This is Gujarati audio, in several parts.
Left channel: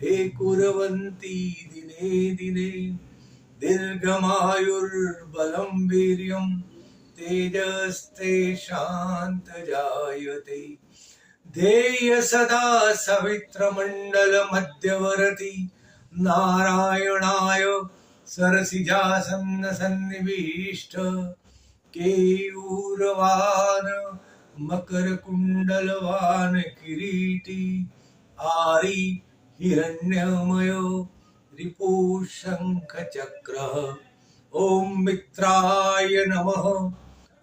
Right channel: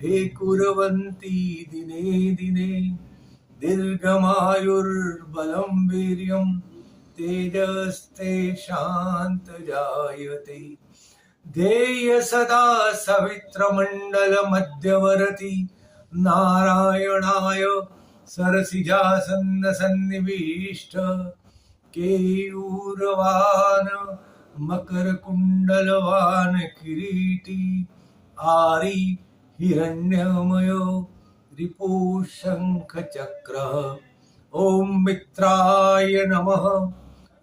हे कुर्वन्ति दिने दिने दीर्घमायुर्बलं वीर्यं तेजस्तेषान्तजायते ध्येय सदा सवित्रमण्डलमध्यवर्ति नारायणाय सरसिजासन्नसन्निविष्ट केयूरवान् मकरकुण्डलवान् किरीटी आरी हिरण्यमयो रिपुशङ्खचक्रः ॐ मित्राय नमः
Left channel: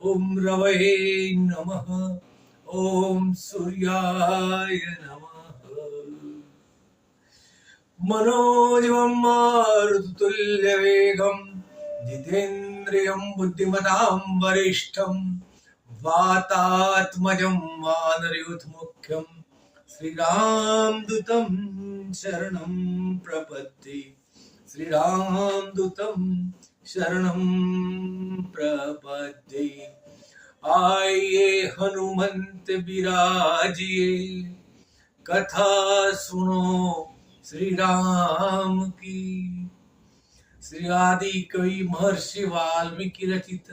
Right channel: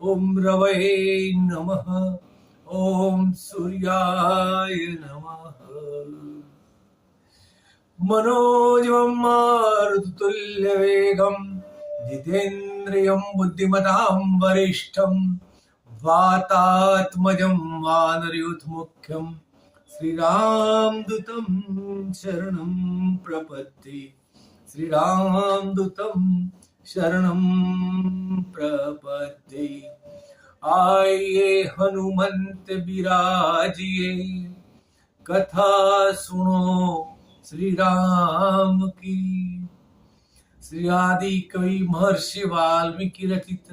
ॐ रवये नमः ॐ सूर्याय नमः मनोजवं मारुततुल्यवेगं जितेन्द्रियं बुद्धिमतां वरिष्ठं वातात्मजं वानरयूथमुख्यं श्रीरामदूतं शरणं प्रपद्ये श्रीरामदूतं शरणं प्रपद्ये आइए हनुमंत बिराजिए कथा सुनो श्री राम की। श्री आदि कवि महर्षि वाल्मीकि रचित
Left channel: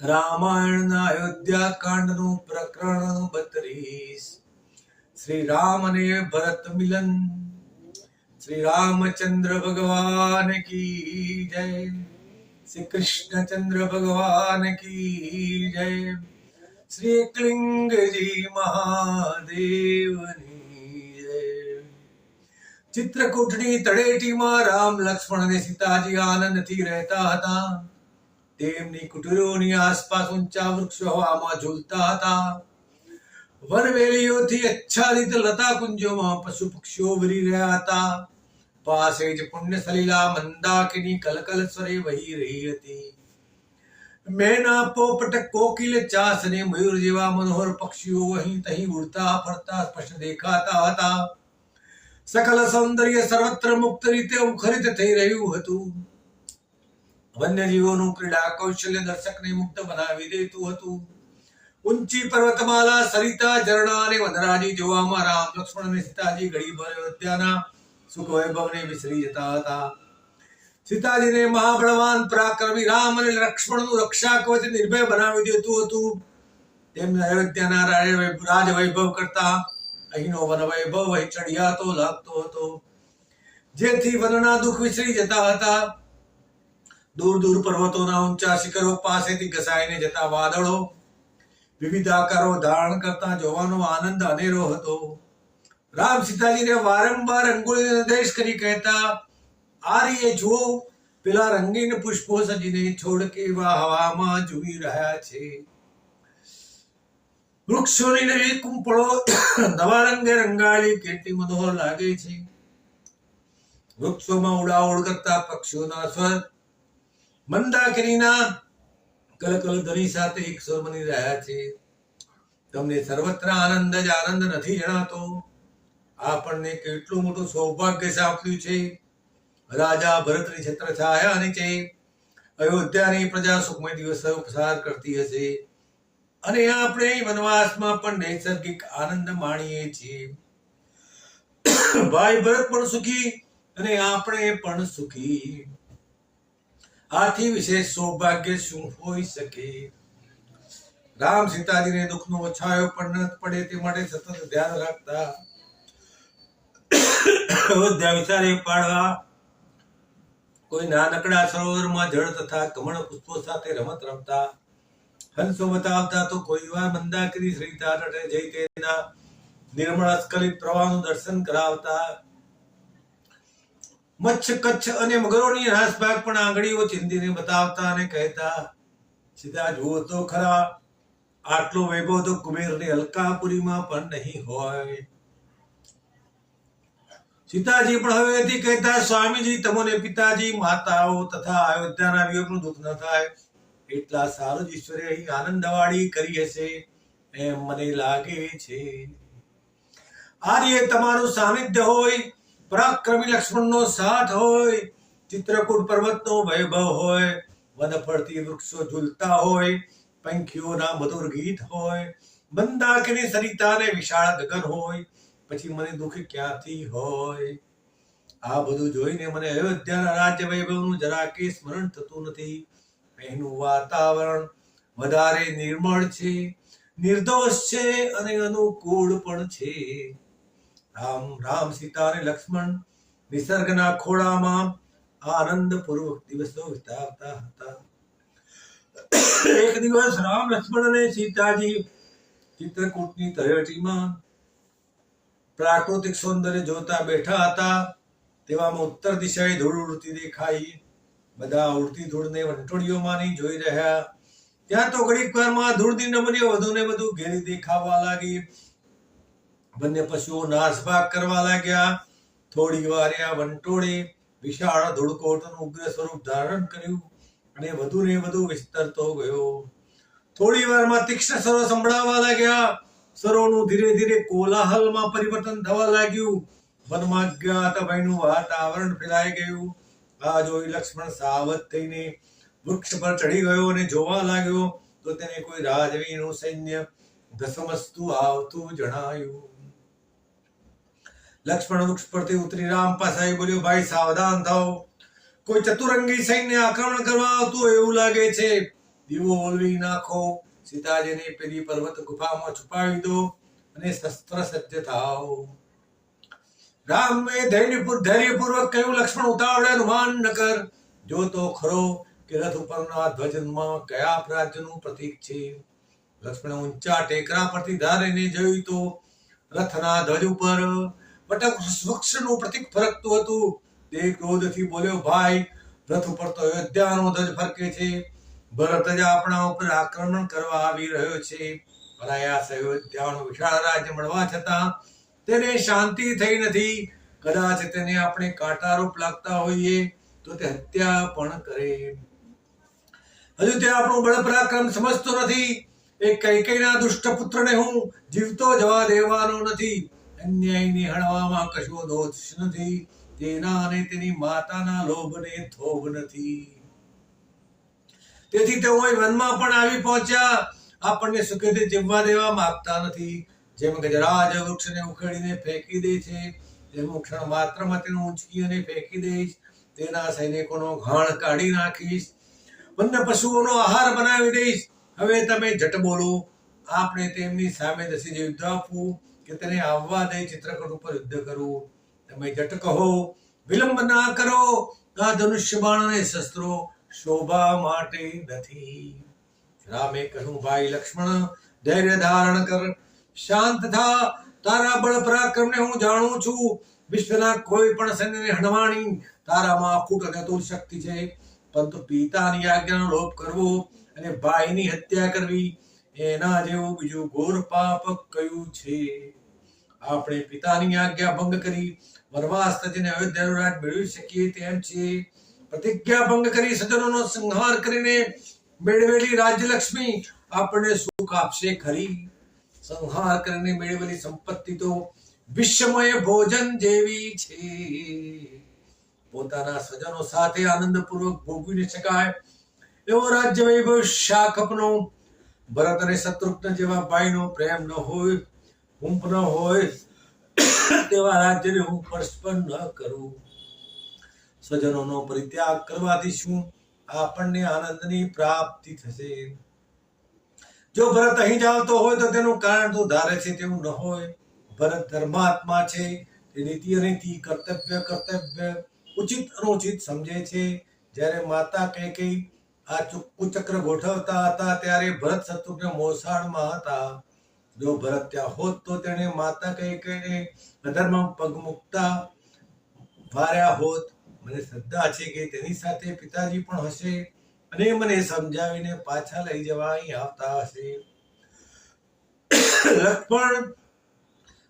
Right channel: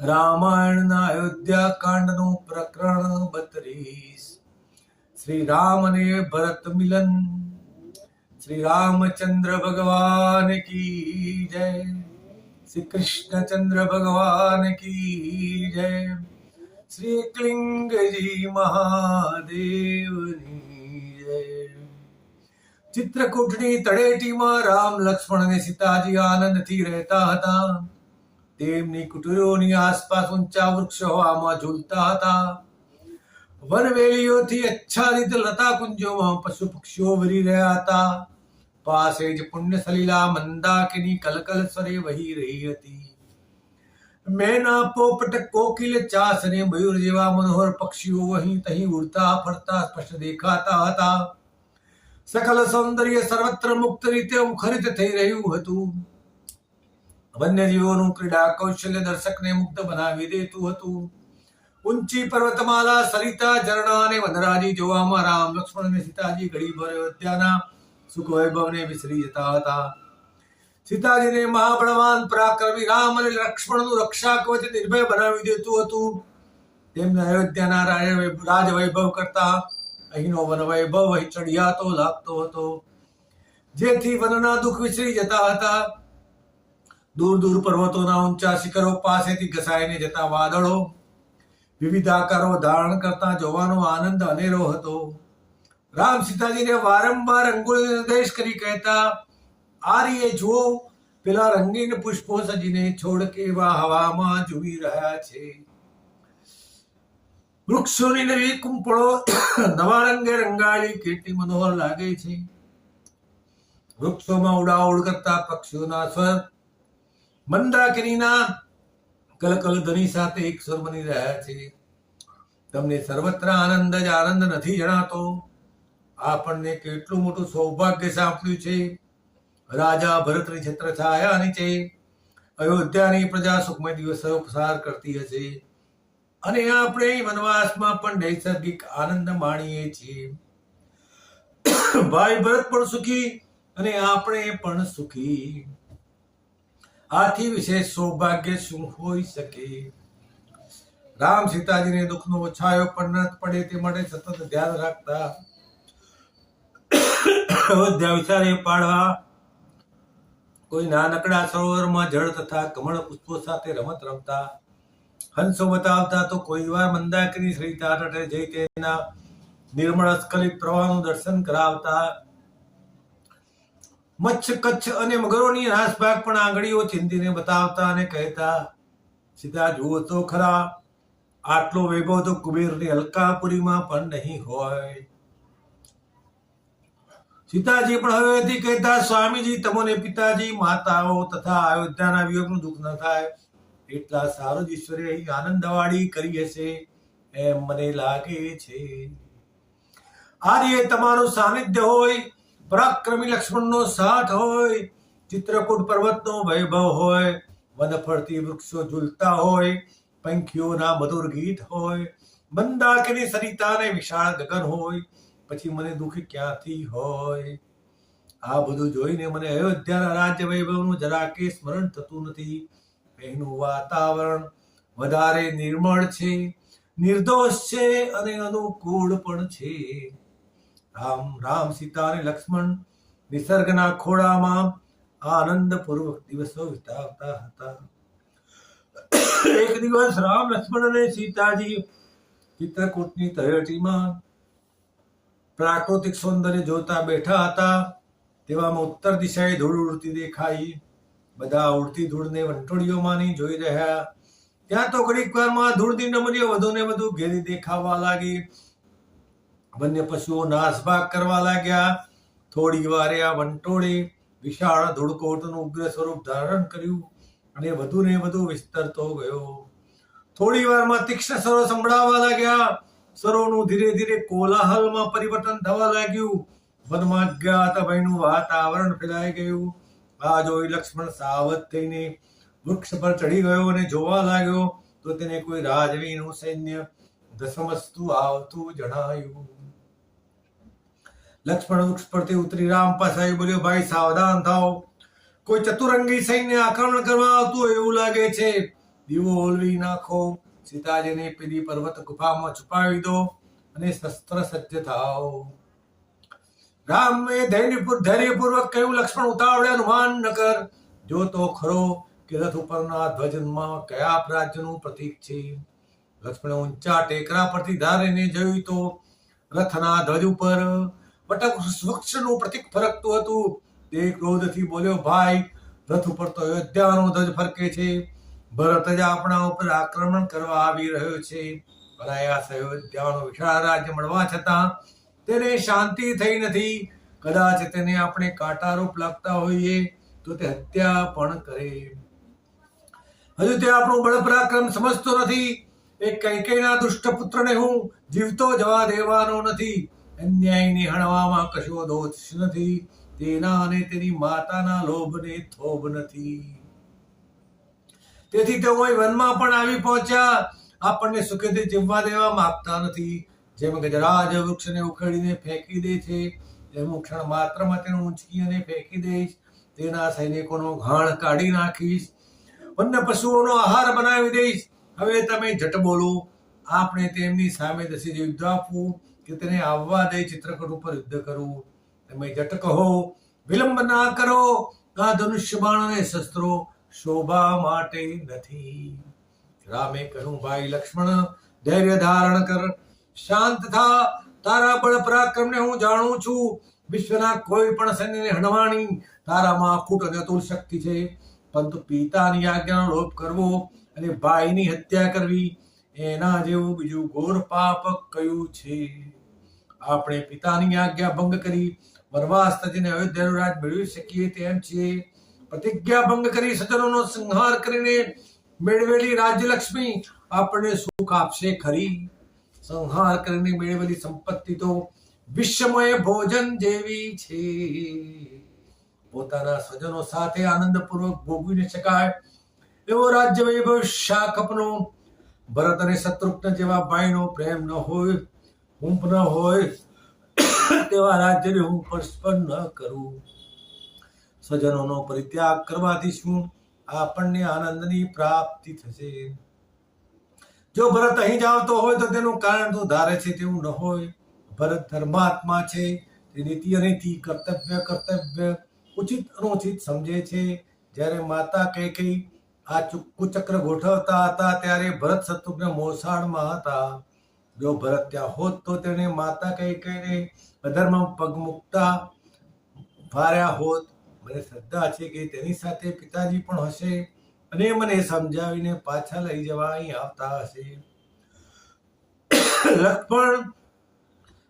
रामायण अयोध्या कांड नु प्रकरण 32 श्री राम ने भरत मिलन। श्री रामचंद्र भगवान की जय। श्री कृष्णचंद्र भगवान की जय। श्री क्लिंग जी महादेवनी जय। चित्रकूटनी तळेटीमां राम लक्ष्मण ने सीताजी आनंदथी રહેતા હતા। તેમની કુટીરોની આસપાસ ઊંચા વૃક્ષો હવામાં ઝૂલતા હતા। વનવેલીઓથી આચ્છાદિત લતા કુંજોમાં પશુ પક્ષીઓ વિરી રહ્યા હતા। પાસે જ પુણ્ય સલીલા મંદાકિની કલકલ સ્વરે વહી રહી હતી। મેના પોપટ કોકિલ ચાસ અને મયુર જેવા મનોહર પક્ષીઓ અહીં તહીં ઉડતા ફરતા સ્પષ્ટ દેખાતા હતા। સકલ સૌંદર્ય સર્વત્ર મુક્ત રીતે મુખરિત થઈ રહ્યું હતું। વન્યજીવોનું ક્રીડા કૌશલ્ય દર્શકને મુગ્ધ બનાવી દેતું હતું। ઊંચી પર્વતમાલા સરિતા ઝરણા અને વનરાજી જોવામાં રામ લક્ષ્મણ અને સીતાજી ઘડીભર અયોધ્યાના સુખ વૈભવને વિસરી જતા હતા। સીતાજીને મહાબળવાન પરાક્રમી રામ અને લક્ષ્મણનું રક્ષા કવચ નિર્ભય બનાવી દેતું હતું। તેમને અયોધ્યાના રાજ વૈભવ કરતા અહીંનો વન વૈભવ અહીં ચડિયાતો લાગતો હતો, જેથી વનના દુઃખ વિસરી જતા હતા। દૂર દૂર પર્વતોના ઊંચા શિખરો પાસેથી ઘસાઈને જતા વાદળો વિવિધ આકારો ધારણ કરતા જોવાનો આનંદ અનેરો હતો। રામ સીતાજીને વારંવાર અંગુળી નિર્દેશ કરી કહેતા, આ રીએ જુઓ, પેલા રંગીન પુષ્પો સજીને છોડ કેવા હવામાં ઝૂમી રહ્યા છે। વૃક્ષોની નવી કુંપળો નવા રંગે રંગાળી કેટલી મનોહર લાગે છે। વૃક્ષોમાં ઉડાઉડ કરતા પક્ષીઓના સ્વર મંદાકિનીના કલકલ ધ્વનિ સાથે એક સ્વર બની રહ્યા છે। તમને સર્વત્ર આનંદ જ આનંદ નથી જણાતો? આપણને કેટલું મોટું સૌભાગ્ય સાંપડ્યું છે। રાજા ભરતની છત્રછાયા નીચે અયોધ્યાની પ્રજા સુખમય દિવસો પસાર કરતી હશે અને આપણે વનવાસમાં પણ નૈસર્ગિક આનંદ માણીએ છીએ। ભાઈ ભરત પણ સુખી અને આપણે પણ સુખી। આથી વિશેષ સૌભાગ્ય શું હોઈ શકે? રામ સીતાજીને દુઃખનો છાયો પણ ન પડે તે માટે સતત ધ્યાન રાખતા અયોધ્યા વિચારે પાડવા કોઈ નાનકડા સરોવરમાં જળ તથા કમળ પુષ્પો સાથે રમત રમતા। હંસો બતાવતા તો કોઈ વાર મંદાકિની સરિતા તટે જઈ તેના નિર્મળ સ્ખલિત પ્રવાહનું દર્શન કરાવતા। મચ્છ કચ્છ અને મગરોની નાસભાગ પણ આંગળીઓ ચીંધીને બતાવતા અને કહેતા, સીતા જુઓ તો ખરા, આટલો વૈભવ તો કુબેરની અલકાપુરીમાં પણ નહીં હોય। સીતાજી પણ હવેથી કહેતા, સ્વામીજી તમોને પિતાજી માતાઓ તથા અયોધ્યાના વિયોગનું દુઃખ ન થાય એટલા સારું જ ઈશ્વરે અહીં આનંદવાળી કરી હશે એમ મને લાગે છે। આ રીતે તમારું સાનિધ્ય હોય, પરાક્રમી લક્ષ્મણનો સાથ હોય, ચિત્રકૂટ પર્વતનો વૈભવ હોય, વન ફરતી વૃક્ષો ઝૂલતા હોય, પંખીઓના મધુર ગીત હોય, મંદાકિની સરિતા અને વિશાળ ગગન હોય, પછી મને દુઃખ ક્યાંથી હોય? આ બધું જોઈને મને અયોધ્યાના રાજ્ય વૈભવનું જરા કે સ્મરણ થતું નથી. અહીંનું વાતાવરણ વધારે નિર્મળ છે, નિર્દોષ છે અને અનુકૂળ પણ છે. રામ સીતા અને લક્ષ્મણ નિસર્ગના ખોળામાં આનંદપૂર્વક દિવસો વિતાવતા હતા. એક દિવસ રામ, લક્ષ્મણ અને સીતાજી ચિત્રકૂટની તળેટીમાં પ્રાકૃતિક સૌંદર્ય જોતા બેઠા હતા. તેવામાં ઉત્તર દિશાએ ધૂળ ઉડતી દેખાઈ. બધા ઉડતી ધૂળને વંટોળીઓમાંની જોઈ રહ્યા. ત્યાં તો ઘડીક વારમાં ધૂળની નમરીઓ વધુ ને વધુ ઘેરી દેખાવા લાગી. બંને પશુઓ નાસભાગ કરવા લાગ્યા. થોડી વારે આ વંટોળે વિશાળ ધૂળકોટનું ઉગ્ર સ્વરૂપ ધારણ કર્યું અને વધુ ને વધુ વિસ્તરતો ગયો. થોડી વારમાં તીક્ષ્ણ સ્વરો સંભળાવા લાગ્યા. સ્વરોનું ધીરે ધીરે કોલાહલમાં પરિવર્તન થવા લાગ્યું. વનમાં અજ્ઞાત ભયનું વાતાવરણ ફેલાઈ ગયું. આ જોઈ લક્ષ્મણ સાવધ થઈને વૃક્ષ પર ચડી ગયો અને જોવા લાગ્યો તો તેને કોઈ રાજવીનું સૈન્ય ધસમસતું આવતું જણાયું. લક્ષ્મણ વૃક્ષ પરથી ઉતરી રામ પાસે આવી બોલ્યો, ભાઈ સાવધાન થાઓ, કોઈ ચતુરંગી સૈન્ય આક્રમણ કરવા આવતું એવું લાગે છે. દીવો ઓલવી નાખો, સીતાજીને પેલી પર્વત ગુફામાં છુપાવી દો અને શસ્ત્ર સજ્જ થાઓ. રામે ધૈર્યપૂર્વક કહ્યું, લક્ષ્મણ ઉતાવળે અનુમાન ન કર. જો તો ખરો કે રથ ઉપરના ધ્વજમાં કયા રાજ્યનું પ્રતીક છે. લક્ષ્મણે ઊંચા ટેકરા પરથી ધારીને જોયું તો રથના ધ્વજ ઉપર વટક વૃક્ષનું પ્રતીક ફરકતું હતું. તે ક્રોધથી બોલ્યો, ભાઈ, રથ ઉપર તો અયોધ્યાનો ધ્વજ ફરકે છે. ભરત જ આપણા ઉપર આક્રમણ કરવા આવી રહ્યો છે. અનાયાસ અયોધ્યાનો વિશાળ રાજ્ય મળવા છતાં તેને શાંતિ થઈ નથી. કદાચ તેને આપણે કાંટારૂપ લાગતા હોઈએ તો તે હત્યા પણ કરે. હજુ તે આપણું બળ પરાક્રમ સમજતો નથી. એક કૈકેયીના દુષ્ટ પુત્રને હું જીવતો જવા દેવાનો નથી. અન્યાયને હણવામાં કશો દોષ નથી. તેના અને તેની માતાના લોભને થોભ નથી. તેથી તેઓ વનમાં પણ આવી પહોંચ્યા. આપણને સુખેથી જીવવા દેવા માંગતા નથી. જેમ ગજરાજ વૃક્ષને ઉખેડીને ફેંકી દે છે, તેમ ક્ષણ માત્રમાં તેને ઊંચકી અને ફેંકી દઈશ. તેના સૈનિકોનો ઘાણ કાઢી નાખીશ, વન્ય પશુઓનો આહાર બનાવી દઈશ. હવે તમે જટ બોલો, આપણે તેમની સામે દસી યુદ્ધ આપવું કે તેને આવવા દઈ ચિત્રકૂટ ઉપર યુદ્ધ કરવું? તમે જટ કહો, વિલંબ ના કરો. આ ધનુષ્ય બાણ અને શસ્ત્રો શોભા માટે નથી. રામે કહ્યું, ભાઈ લક્ષ્મણ, ધૈર્ય ધારણ કર, શાંત થા. તારા બળ પરાક્રમને હું જાણું છું. વિશ્વના કોઈ પણ સૈન્યને હણવાની તારામાં અખૂટ અને અતુલ શક્તિ છે. પરંતુ પિતાની આજ્ઞાનો લોપ કરવો અને ભાઈની હત્યા કરવી, એના જેવું બીજું ઘોર પાપ કયું છે? આપણે પિતાની આજ્ઞા ભંગ કરી વનવાસ તજીને અયોધ્યાનું રાજ મેળવી શકીએ તેમ છીએ. પ્રતિજ્ઞા ભંગ કરી સજ્જનોનો સંહાર કરીને મેળવેલી રાજ્યલક્ષ્મી આપણને સુખ આપશે ખરી? સંહાર કરીને મેળવેલી સંપત્તિ તો વિશ્વમય ભોજન જેવી છે. પોતાના સ્વજનો સાથે આનંદપૂર્વક ભોગવી ન શકાય એવો રાજ્ય વૈભવ શાકપનો, ભરત અને શત્રુઘ્ન જેવા ભાઈનો પ્રેમ ન હોય, હુંફ ન હોય તેવા રાજ્યને હું સ્પર્શ પણ ન કરું. સ્વજનોનો પરિત્યાગ કરવાથી શું આપણને આનંદની પ્રાપ્તિ થશે? જો ભરત અહીં જ આવતો હોય તો તેનું કારણ તો ધારે છે તેવું ન હોય. ભરત ધર્માત્મા છે. તે નીતિ અનીતિ, કર્તવ્ય ઉચિત અનુચિત સમજે છે. જ્યારે માતા કૈકેયી આ કુચક્ર ગોઠવતા હતા ત્યારે ભરત શત્રુઘ્ન મોસાળમાં હતા. જો ભરત ત્યાં હોત તો તેણે માતા કૈકેયીને અધર્મમાં પગ મૂકતા વાર્યા હોત. મને શ્રદ્ધા છે કે તેની સાથે પિતાજી પણ હશે અને મને સમજાવીને પાછા લઈ જવા અહીં આવતા હશે. લક્ષ્મણ,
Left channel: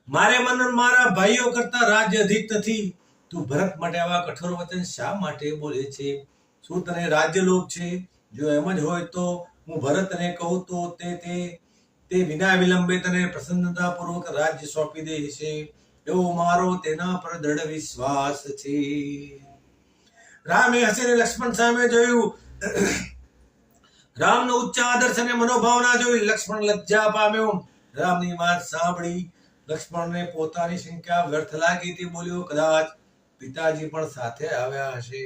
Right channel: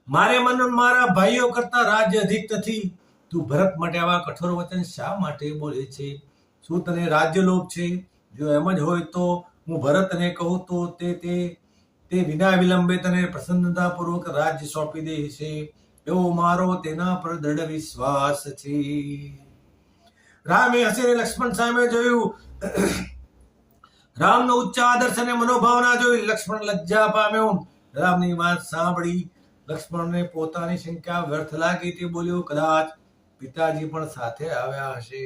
મારે મન મારા ભાઈઓ કરતા રાજ્ય અધિક નથી. તું ભરત માટે આવા કઠોર વચન શા માટે બોલે છે? શું તને રાજ્ય લોભ છે? જો એમ જ હોય તો હું ભરતને કહું તો તે વિના વિલંબે તને પ્રસન્નતાપૂર્વક રાજ્ય સોંપી દેશે એવો મારો તેના પર દૃઢ વિશ્વાસ છે. રામે હસીને લક્ષ્મણ સામે જોયું. રામનો ઉચ્ચ આદર્શ અને મનોભાવના જોઈ લક્ષ્મણ લજ્જા પામ્યો. રામની વાત સાંભળી લક્ષ્મણને પોતાની શંકા વ્યર્થ લાગી તે બોલ્યો, કદાચ પિતાજી પણ સાથે આવ્યા હશે.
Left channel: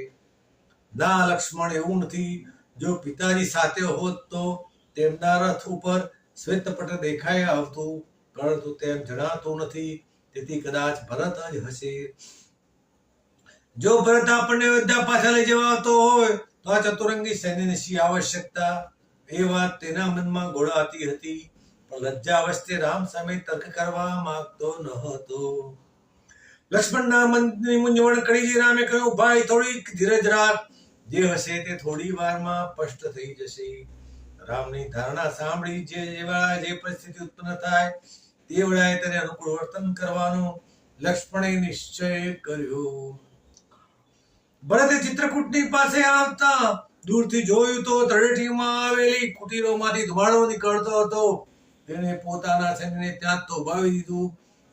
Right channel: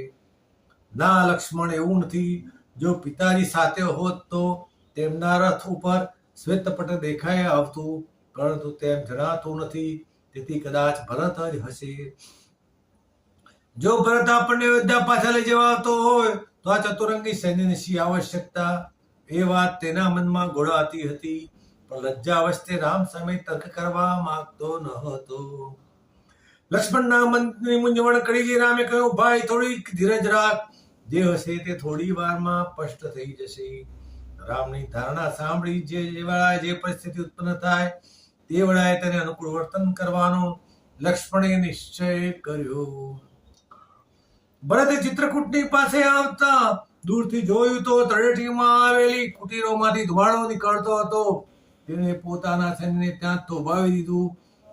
ના લક્ષ્મણ, એવું નથી. જો પિતાજી સાથે હોત તો તેમના રથ ઉપર શ્વેતપટ દેખાઈ આવતું, પરંતુ તેમ જણાતું નથી, તેથી કદાચ ભરત જ હશે. જો ભરત આપણને અયોધ્યા પાછા લઈ જવા આવતો હોય તો આ ચતુરંગી સૈન્યની શી આવશ્યકતા? એ વાત તેના મનમાં ગોળાતી હતી, પણ લજ્જાવશ તે રામ સામે તર્ક કરવા માંગતો ન હતો. લક્ષ્મણના મનની મૂંઝવણ કરી રામે કહ્યું, ભાઈ થોડીક ધીરજ રાખ, જે હશે તે થોડી વારમાં સ્પષ્ટ થઈ જશે. રામની ધારણા સાંભળી જે વેળાએ જે પરિસ્થિતિ ઉત્પન્ન થાય તે વેળાએ તેને અનુકૂળ વર્તન કરવાનો લક્ષ્મણે નિશ્ચય કર્યો. ભરતે ચિત્રકૂટની પાસે આવતા દૂરથી જોયું તો તળેટીમાં આવેલી કુટીરોમાંથી ધુમાડો નીકળતો હતો. તેણે પોતાના સૈન્યને ત્યાં જ થોભાવી દીધું.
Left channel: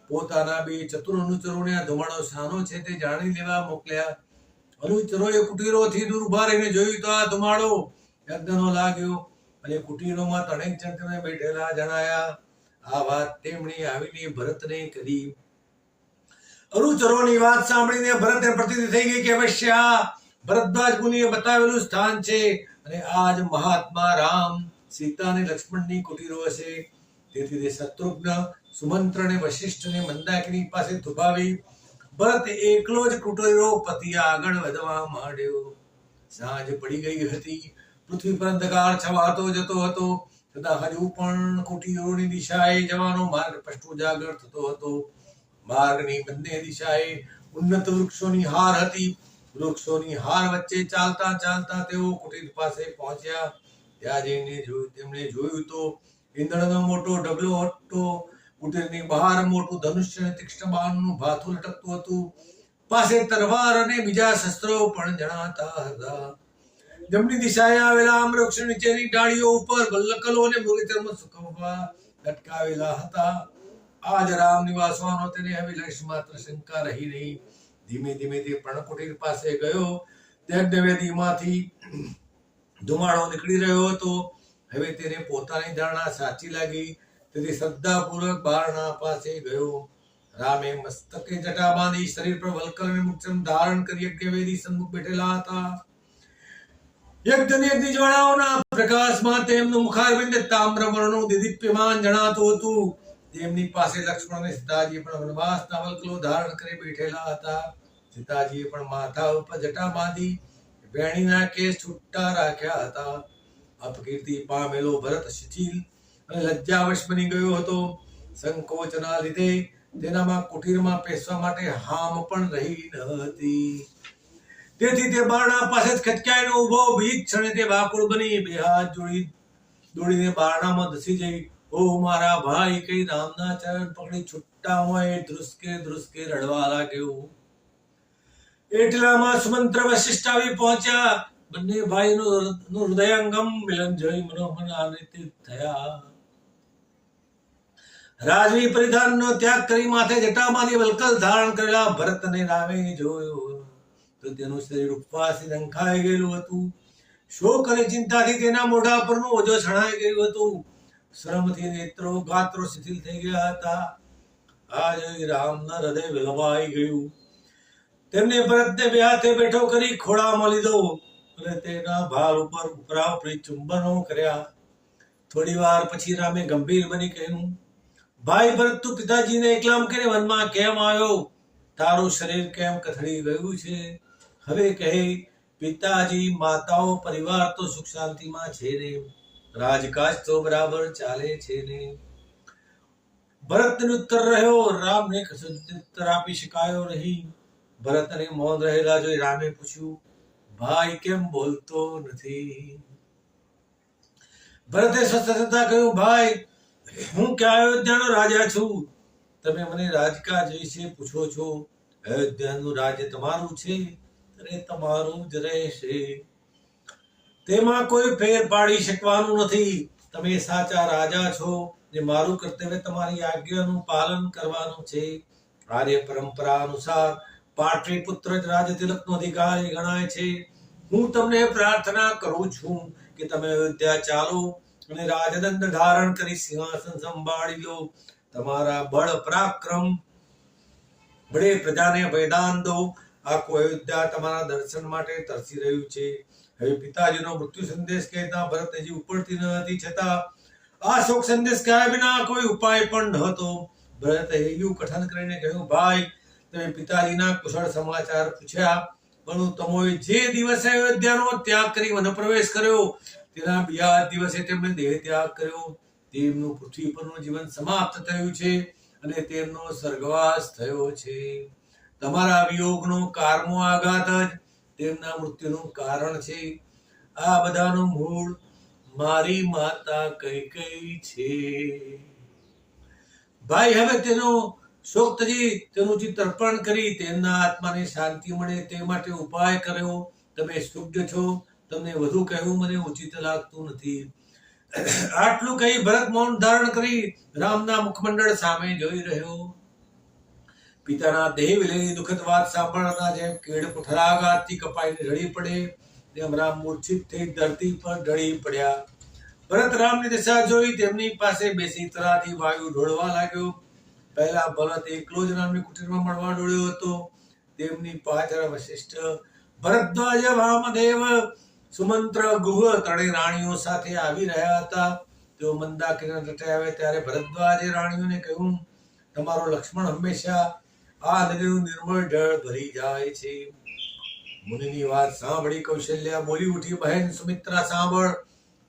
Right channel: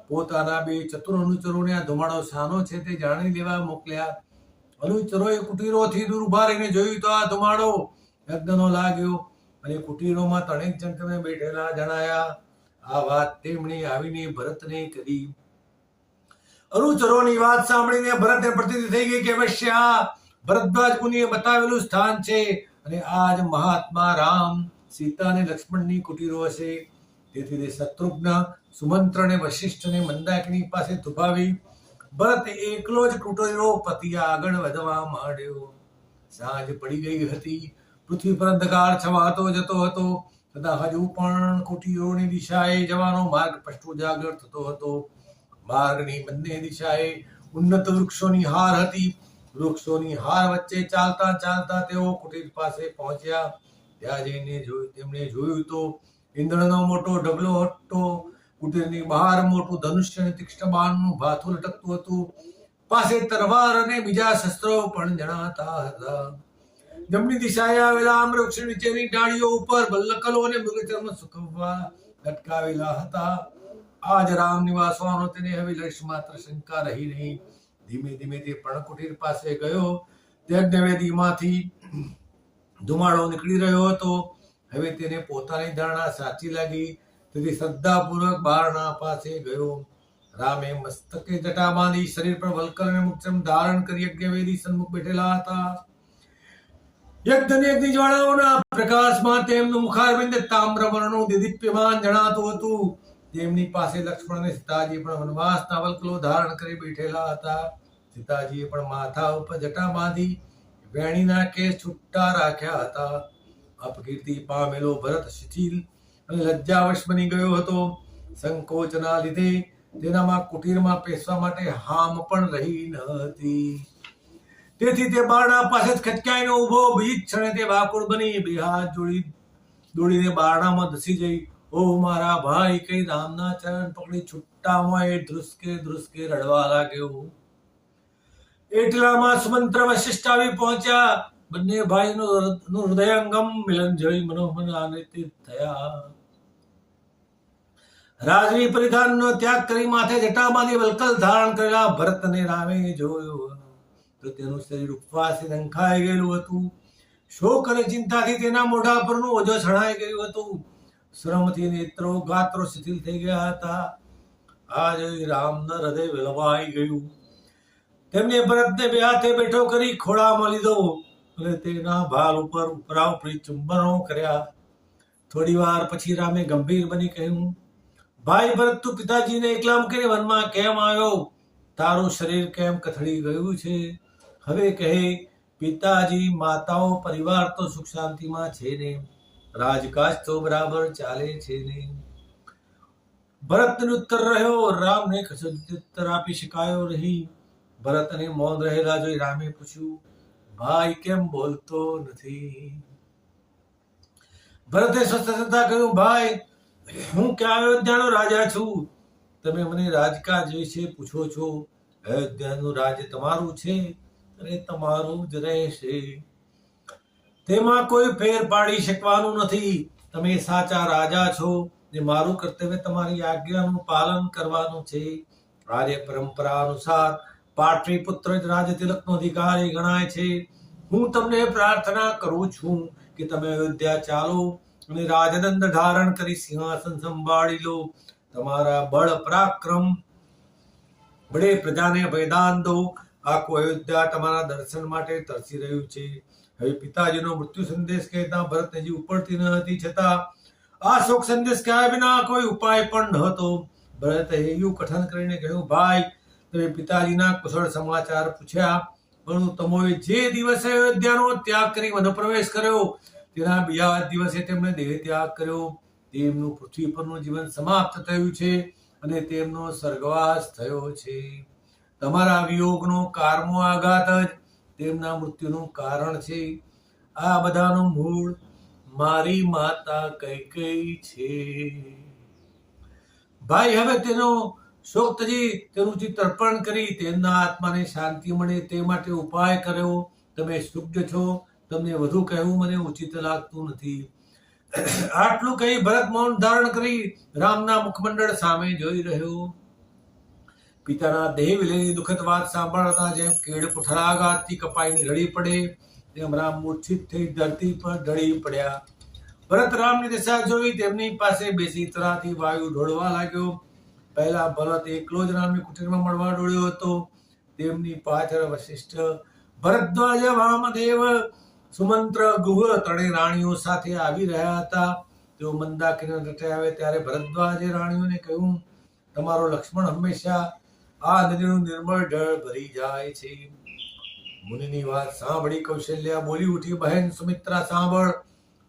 પોતાના બે ચતુર અનુચરોને આ ધુમાડો શાનો છે તે જાણી લેવા મોકલ્યા. અનુચરોએ કુટીરોથી દૂર ઉભા રહીને જોયું તો આ ધુમાડો યજ્ઞનો લાગ્યો અને કુટીરોમાં ત્રણેક જણ તેમને બેઠેલા જણાયા. આ વાત તેમણે આવીને ભરતને કરી. અનુચરોની વાત સાંભળીને ભરતને પ્રતીતિ થઈ ગઈ કે અવશ્ય આ ભરદ્વાજ મુનિએ બતાવેલું સ્થાન છે અને આ જ મહાત્મા રામ, સીતા અને લક્ષ્મણની કુટીરો હશે. તેથી તે શત્રુઘ્ન, સુમંત્ર અને વશિષ્ઠ અને મંદાકિની પાસે થોભાવી ભરત એકલો જ કુટીરો પતિ આગળ વધવા માંડ્યો. સાંજ પડી ગઈ હતી. પૃથ્વી પર અંધકાર છવાતો જતો હતો, છતાં હજુ પણ કુટીરોની દિશાએ જવાનો માર્ગ સ્પષ્ટ ઉજાગર થતો હતો. માર્ગની બંને દિશાએ ઉન્નત વૃક્ષોની હાર હતી. વૃક્ષોની હાર વચ્ચે ચાલતા ચાલતા તેઓ કુટીર પાસે પહોંચ્યા. ત્યાં જઈને તેમણે જોયું તો ઈંધણનો મોટો ઢગલો હતો. કુટીરની બહાર મોટું ધનુષ્ય અને તીક્ષ્ણ બાણનું ભાથું લટકતું હતું. પાસે તલવાર અને બીજા શસ્ત્રો પણ જણાતા હતા. જમણી દિશાએ આવેલા આમ વૃક્ષ નીચેની ડાળીઓ ઉપર બલ્લકલો અને મૃગચર્મ સુકવવા લટકાવેલા હતા. આજ રામ નિવાસવાનો તેને હવે લેશ માત્ર શંકા રહી નહીં. ધીમે ધીમે તે પર્ણકુટીર પાસે ગયો. યજ્ઞવેદીમાંથી ધુમાડો નીકળી રહ્યો હતો. હવે તેને પોતાની ધારણા સાચી લાગી, તેથી શ્રદ્ધાપૂર્વક બારણા પાસે ગયો. રામે મસ્તકે જટા બાંધી શરીર પર વલ્કલ અને મુક્તમ ધારણ કરી યજ્ઞવેદી સન્મુખ બેઠેલા હતા. યજ્ઞની જ્વાળાઓના પ્રકાશમાં તેમનું મુખારવિંદ તામ્રવર્ણનું દિદીપ્યમાન જણાતું હતું. તેમની પાસે લક્ષ્મણ અને સીતાજી પણ વનવાસના વલ્કલો ધારણ કરી બેઠેલા હતા. સીતાજીએ પણ માથા ઉપર જટા બાંધી વેણીના કેસ છૂટા રાખ્યા હતા. અપકીર્તિ પામેલો ભરત શિથિલ અને લજ્જાવશ બની ગયો હતો. સંકોચના લીધે તેનામાં કુટીરમાં પેસવા માટે હામ પણ રહી ન હતી. તેથી તે બારણા પાસે જ ખચકાઈને ઉભો. બીજ ક્ષણે તે વાકુળ બની બે હાથ દોડીને બારણામાં ધસી જઈ, ઓ મારા ભાઈ કઈ રામના ચરણ પકડી છૂટા હોય ધ્રુસકે ધ્રુસકે રડવા લાગ્યો. એટલામાં સુમંત્ર વશિષ્ઠ આવી પહોંચ્યા. બંને ભાઈનું હૃદયંગમ મિલન જોઈ મનોમન આનંદિત થયા. રાજવી પરિધાનનો ત્યાગ કરી માથે જટા બાંધી વલ્કલ ધારણ કરેલા ભરતને રામે જોયો તો તેનું શરીર ઉપવાસથી ઢંકાઈ ગયેલું હતું. શોક અને ચિંતાથી તેના મોઢા પરનું ઓજો છણાઈ ગયું હતું. શ્રમથી નેત્રો ગાત્રો શિથિલ થઈ ગયા હતા. આ જોઈ રામના હૃદય વિલવાઈ ગયું. તેમને ભરતને બે હાથે બેઠો કરી ખોળામાં લીધો અને તેના ભાર ઉપર ઉપરાઉપરી ચુંબનો કર્યા. થોડી વાર પછી રામે ગંભીર બની કહ્યું, ભાઈ ભરત, તું પિતાજીને એકલા મૂકીને વનમાં કેમ આવ્યો? તારું શરીર કેમ કથળી ગયું છે? હવે કહે, પિતાજી, માતાઓ, પરિવાર તો સુખ શાંતિમાં છે ને? રાજકાજ તો બરાબર ચાલે છે ને? ભરતને ઉત્તર રહ્યો. રામને ઉત્તર આપી શકાયો નહીં. ભરતને મૌન રહેલા જોઈ રામે પૂછ્યું, ભાઈ કેમ બોલતો નથી? ભરતે સ્વસ્થ થતા કહ્યું, ભાઈ, હું ક્યાં અયોધ્યાનો રાજા છું. તમે મને રાજકાજ વિશે પૂછો છો. અયોધ્યાનું રાજ્ય તમારું છે અને તમારું જ રહેશે. તેમાં કોઈ ફેર પાડી શકવાનું નથી. તમે સાચા રાજા છો ને મારું કર્તવ્ય તમારી આજ્ઞાનું પાલન કરવાનું છે. આર્ય પરંપરા અનુસાર પાટલીપુત્ર જ રાજતિલકનો અધિકારી ગણાય છે. હું તમને પ્રાર્થના કરું છું કે તમે અયોધ્યા ચાલો અને રાજદંડ ધારણ કરી સિંહાસન સંભાળી લો. તમારા બળ પરાક્રમ બળે પ્રજાને ભયદાન દો. આખું અયોધ્યા તમારા દર્શન માટે તરસી રહ્યું છે. હવે પિતાજીનો મૃત્યુ સંદેશ કહેતા ભરત હજી ઉપડતી ન હતી, છતાં આ શોક સંદેશ કહ્યા વિના કોઈ ઉપાય પણ ન હતો. ભરતે એવું કથન કરીને કહ્યું, ભાઈ, તમે પિતાજીના કુશળ સમાચાર પૂછ્યા, પરંતુ તમોએ જે દિવસે અયોધ્યાનો ત્યાગ કરી વન પ્રવેશ કર્યો તેના બીજા દિવસે તેમણે દેહ ત્યાગ કર્યો. તેમનું પૃથ્વી પરનું જીવન સમાપ્ત થયું છે અને તેમનો સ્વર્ગવાસ થયો છે. તમારા વિયોગનો કારમો આઘાત જ તેમના મૃત્યુનું કારણ છે. આ બધાનું મૂળ મારી માતા કૈકેયી છે. ભાઈ, હવે તેનો શોક ત્યજી તેનું ચિત્ત અર્પણ કરી તેમના આત્માને શાંતિ મળે તે માટે ઉપાય કર્યો. તમે શુદ્ધ છો, તમને વધુ કહેવું મને ઉચિત લાગતું નથી. આટલું કહી ભરત મૌન ધારણ કરી રામના મુખમંડળ સામે જોઈ રહ્યો. પિતાના દેહ વિલયની દુઃખદ વાત સાંભળતા જેમ કેળ પુઠરાઘાતથી કપાઈને ઢળી પડે તેમ રામ મૂર્છિત થઈ ધરતી પર ઢળી પડ્યા. ભરત રામની દિશા જોઈ તેમની પાસે બેસી તરાથી વાયુ ઢોળવા લાગ્યો. પહેલા ભરત એકલો જ રામની કુટીરમાં મળવા દોડ્યો હતો. તેમની પાછળ વશિષ્ઠ, ભરદ્વાજ, વામદેવ, સુમંત્ર, ગુહ ત્રણેય રાણીઓ સાથે આવી રહ્યા હતા. તેઓ મંદાકિની તટે આવે ત્યારે ભરદ્વાજે રાણીઓને કહ્યું, તમારો લક્ષ્મણ હંમેશા આ નદીનું નિર્મળ જળ ભરી જાય છે. મુનિની વાત સાંભળી કૌશલ્યા બોલી ઉઠી, બહેન સુમિત્રા, સાંભળ,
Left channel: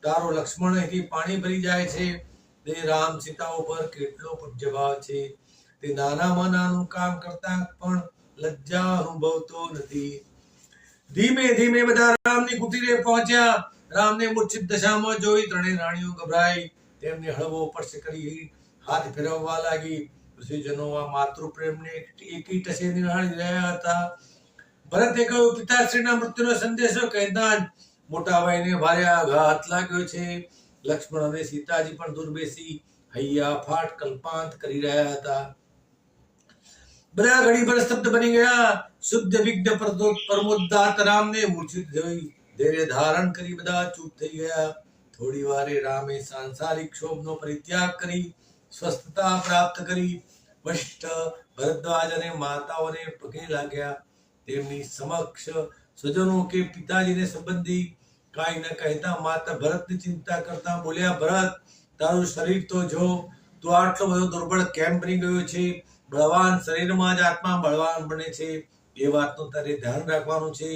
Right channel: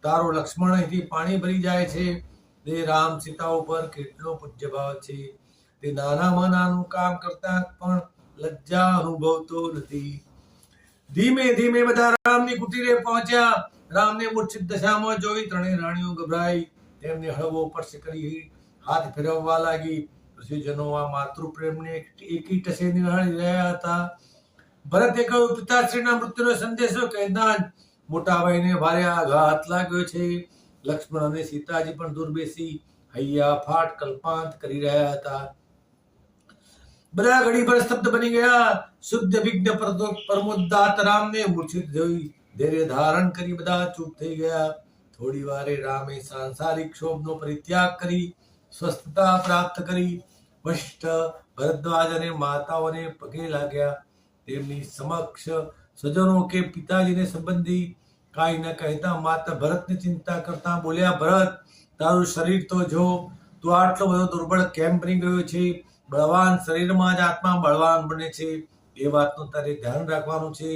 તારો લક્ષ્મણ અહીંથી પાણી ભરી જાય છે. તે રામ સીતા ઉપર કેટલો પૂજ્ય ભાવ છે. તે નાનામાં નાનું કામ કરતા પણ લજ્જા અનુભવતો નથી. ધીમે ધીમે બધા રામની કુટીરે પહોંચ્યા. રામને મૂર્છિત દશામાં જોઈ ત્રણેય રાણીઓ ગભરાઈ તેમને હળવો સ્પર્શ કરી હાથ ફેરવવા લાગી. ઋષિજનો આ માતૃપ્રેમને એકી ટસે નિહાળી રહ્યા હતા. ભરતે કહ્યું, પિતાશ્રીના મૃત્યુનો સંદેશો કહેતા જ મોટા ભાઈને ભારે આઘાત લાગ્યો છે. લક્ષ્મણ અને સીતાજી પણ દૂર બેસી હૈયા ફાટ કલ્પાંત કરી રહ્યા હતા. બધા ઘડીભર સ્તબ્ધ બની ગયા. શુદ્ધ વિઘ્ન પરમોદ્દાત રામને મૂર્છિત જોઈ ધૈર્ય ધારણ કરી બધા ચૂપ થઈ ગયા. થોડી વારે રામે સાંસારિક ક્ષોભનો પરિત્યાગ કરી સ્વસ્થતા પ્રાપ્ત કરી. વશિષ્ઠ, ભરદ્વાજ અને માતાઓને પગે લાગ્યા. તેમની સમક્ષ સ્વજનો કે પિતાજીને સંબંધી કાંઈ ન કહેતા માતા ભરતની ચિંતા કરતા બોલ્યા, ભરત, તારું શરીર તો જો, તું આટલો બધો દુર્બળ કેમ બની ગયો છે? બળવાન શરીરમાં જ આત્મા બળવાન બને છે. એ વાતનું તારે ધ્યાન રાખવાનું છે.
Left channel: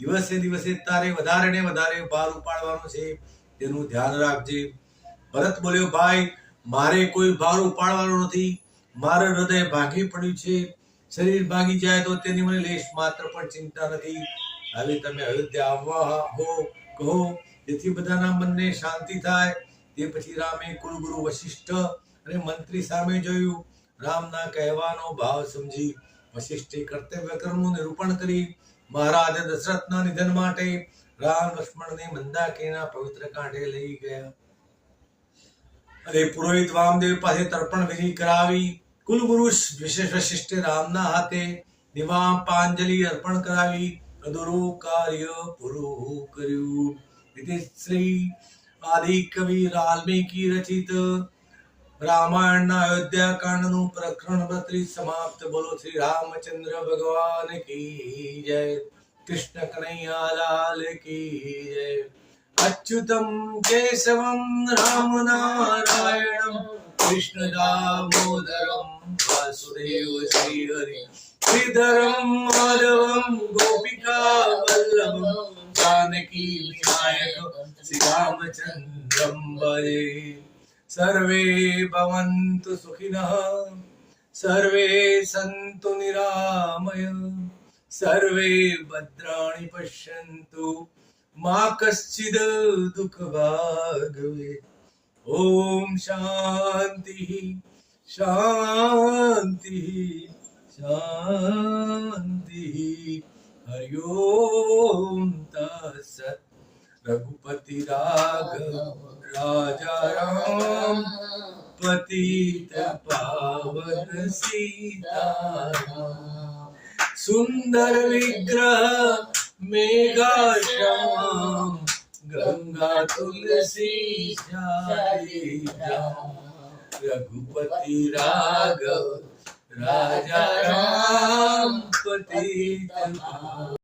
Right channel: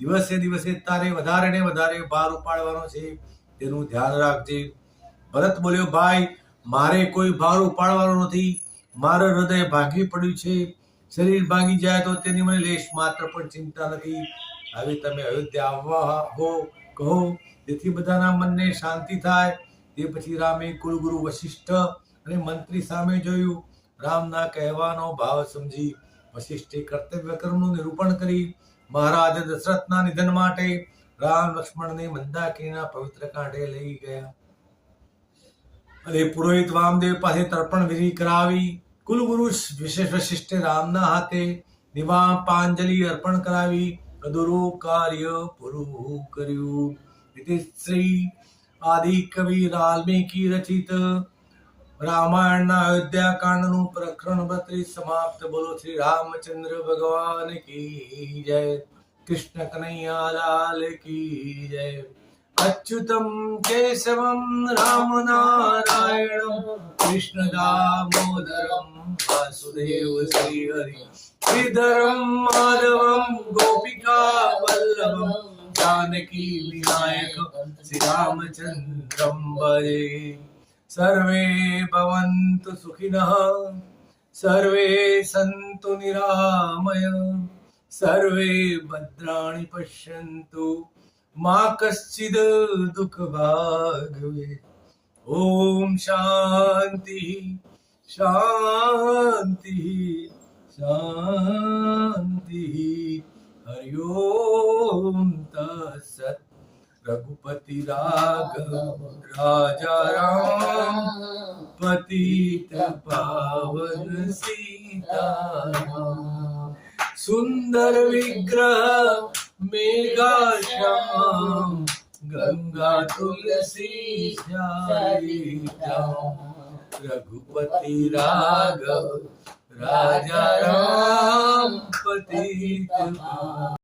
દિવસે દિવસે તારે વધારે ને વધારે ભાર ઉપાડવાનો છે. તેનું ધ્યાન રાખજે. ભરત બોલ્યો, ભાઈ, મારે કોઈ ભાર ઉપાડવાનો નથી. મારું હૃદય ભાંગી પડ્યું છે. શરીર ભાંગી જાય તો તેની મને લેશ માત્ર પણ ચિંતા નથી. હવે તમે અયોધ્યા આવવા હો કહો, જેથી બધાના મનને શાંતિ થાય. તે પછી રામે કુલગુરુ વશિષ્ઠ અને મંત્રી સામે જોયું. રામના કહેવાનો ભાવ સમજી વશિષ્ઠે કર્તવ્ય કર્મનું નિરૂપણ કરી મહારાજ દશરથના નિધન માટે રામ લક્ષ્મણને મંદાકિનીના પવિત્ર કાંઠે લઈ ગયા અને પુરોહિત વામદેવ પાસે તર્પણ વિધિ કરાવી. કુલગુરુ વિશેષ વશિષ્ઠે રામના હાથે નિવાપાંજલિ અર્પણ કરાવી અધૂરું કાર્ય પૂરું કર્યું. શ્રી આદિ કવિ વાલ્મીકી રચિત રામાયણના અયોધ્યા કાંડનું પ્રકરણ 32 સમાપ્ત. બોલો શ્રી રામચંદ્ર ભગવાન કી જય. કૃષ્ણ કનૈયા લાલ કી જય. અચ્યુતમ કેશવમ રામ નારાયણમ કૃષ્ણ દામોદરમ વાસુદેવ શ્રી હરિ શ્રીધરમ માધવમ ગોપિકા વલ્લભમ जानकी विनायक श्री रामचंद्रम भजे. सर्वे भवन्तु सुखिनः, सर्वे सन्तु निरामय, सर्वे भद्राणि पश्यन्तु, मा कश्चिद दुःख भाग् भवेत्. ओम शांति शांति शांति. हरि ओम तत्सत्. रघुपति राघव राजा राम पतित पावन सीताराम. सुंदर विग्रह मेघा श्याम, गंगा तुलसी श्याम. रघुपति राघव राजा राम पतित